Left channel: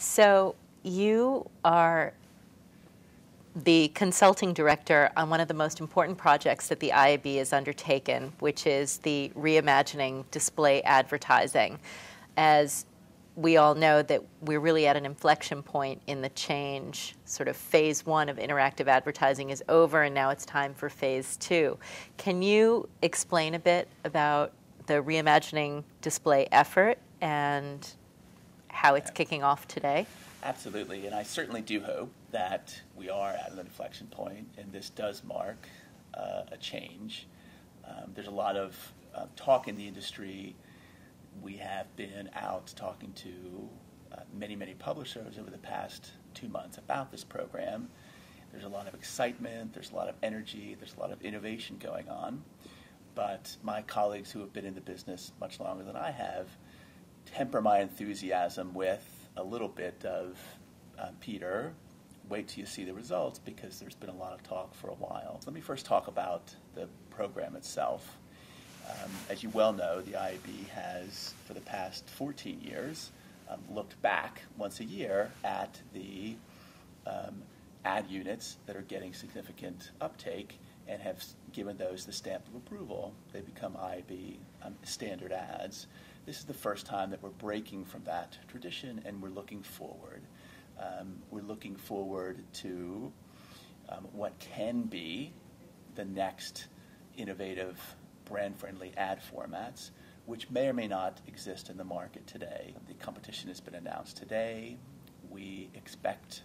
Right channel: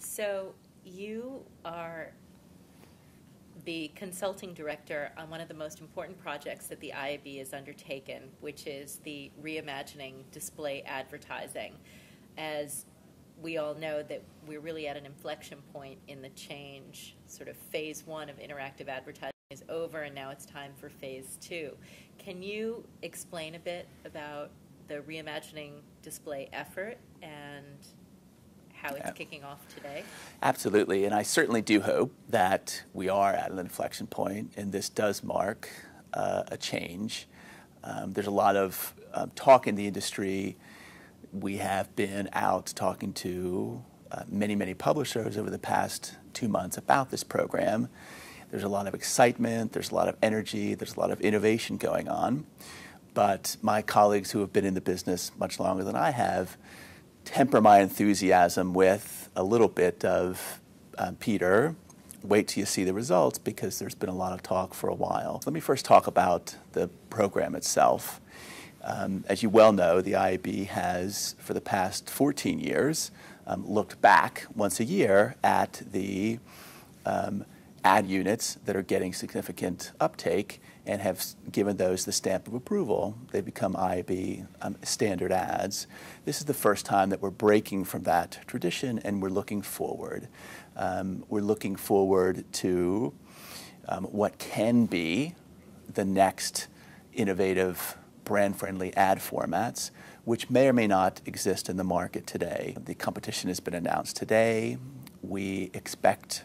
So you are the consulting director on one of the most important projects that the IAB has undertaken, which is the reimagining display advertising. As we all know that we're really at an inflection point in the change. Sort of phase one of interactive advertising is over, and now it's time for phase two. Can you explain a bit about the reimagining display effort and how it's kicking off today? Absolutely, and I certainly do hope that we are at an inflection point, and this does mark a change. There's a lot of talk in the industry. We have been out talking to many publishers over the past 2 months about this program. There's a lot of excitement, there's a lot of energy, there's a lot of innovation going on. But my colleagues who have been in the business much longer than I have temper my enthusiasm with a little bit of, Peter, wait till you see the results, because there's been a lot of talk for a while. Let me first talk about the program itself. As you well know, the IAB has, for the past 14 years, looked back once a year at the ad units that are getting significant uptake and have given those the stamp of approval. They become IAB standard ads. This is the first time that we're breaking from that tradition, and we're looking forward. We're looking forward to what can be the next innovative brand-friendly ad formats, which may or may not exist in the market today. The competition has been announced today. We expect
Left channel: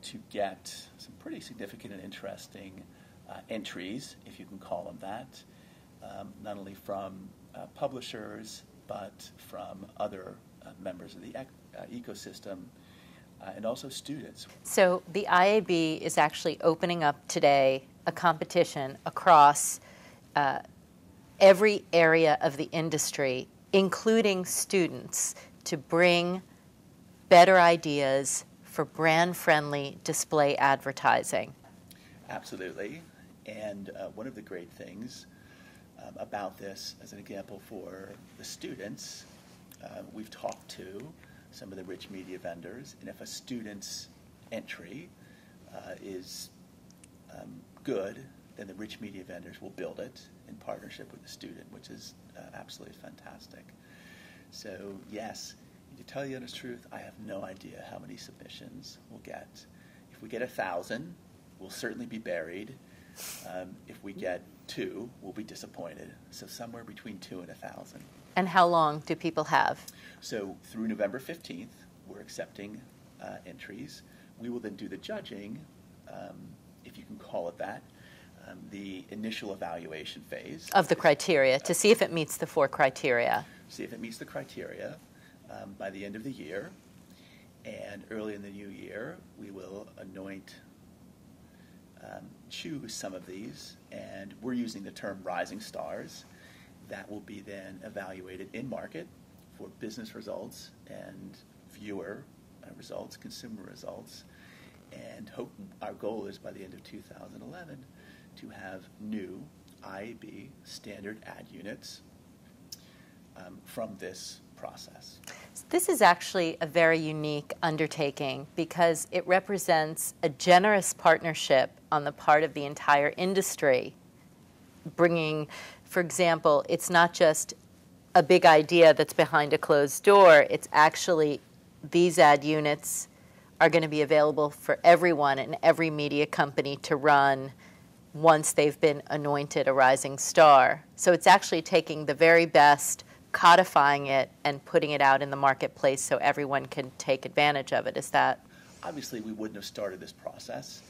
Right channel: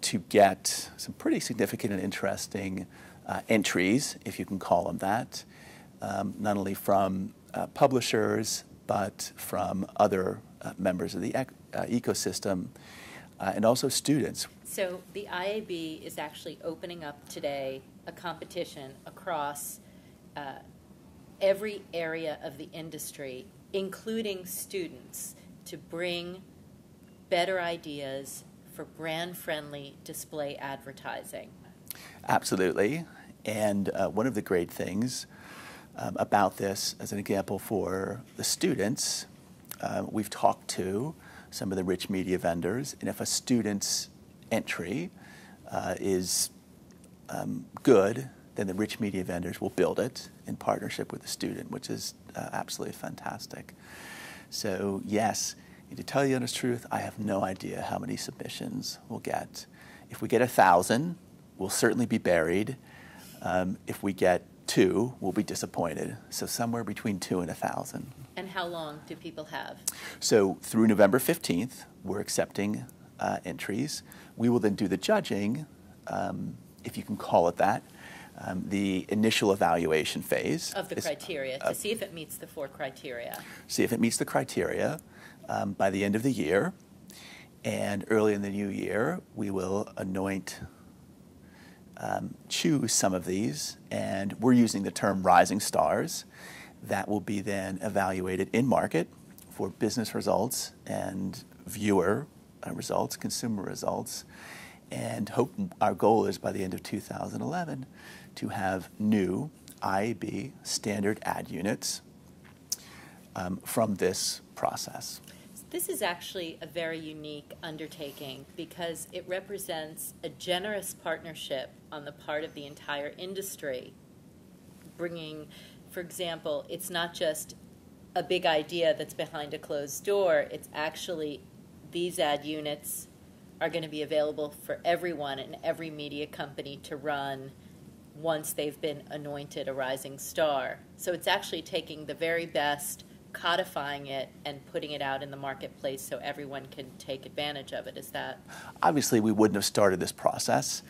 to get some pretty significant and interesting entries, if you can call them that, not only from publishers, but from other members of the ecosystem, and also students. So the IAB is actually opening up today a competition across every area of the industry, including students, to bring better ideas for brand-friendly display advertising. Absolutely. And one of the great things about this, as an example for the students, we've talked to some of the rich media vendors, and if a student's entry is good, then the rich media vendors will build it in partnership with the student, which is absolutely fantastic. So yes, to tell you the honest truth, I have no idea how many submissions we'll get. If we get 1,000, we'll certainly be buried. If we get 2, we'll be disappointed. So somewhere between 2 and 1,000. And how long do people have? So through November 15th, we're accepting entries. We will then do the judging, if you can call it that, the initial evaluation phase. Of the criteria, to see if it meets the 4 criteria. See if it meets the criteria by the end of the year. And early in the new year, we will choose some of these, and we're using the term rising stars. That will be then evaluated in market for business results and viewer results, consumer results. And our goal is by the end of 2011 to have new IAB standard ad units from this process. This is actually a very unique undertaking because it represents a generous partnership on the part of the entire industry, bringing, for example, it's not just a big idea that's behind a closed door, it's actually these ad units are going to be available for everyone and every media company to run once they've been anointed a rising star. So it's actually taking the very best, codifying it, and putting it out in the marketplace so everyone can take advantage of it. Is that? Obviously, we wouldn't have started this process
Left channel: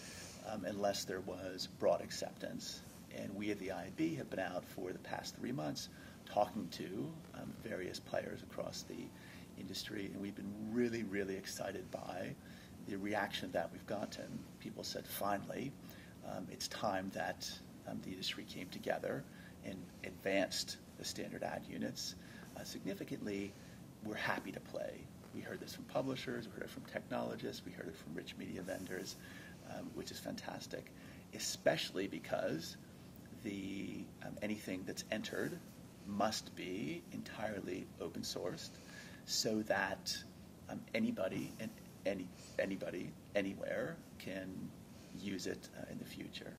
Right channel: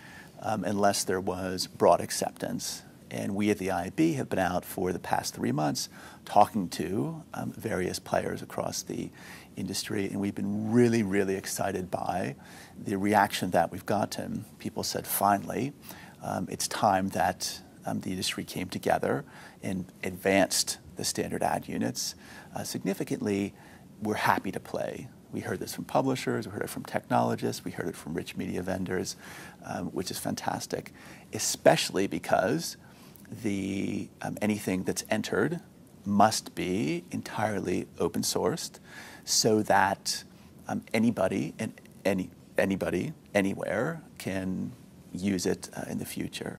unless there was broad acceptance. And we at the IAB have been out for the past 3 months talking to various players across the industry, and we've been really excited by the reaction that we've gotten. People said, finally, it's time that the industry came together and advanced the standard ad units. Significantly, we're happy to play. We heard this from publishers, we heard it from technologists, we heard it from rich media vendors, which is fantastic, especially because anything that's entered must be entirely open sourced so that anybody and anybody anywhere can use it in the future.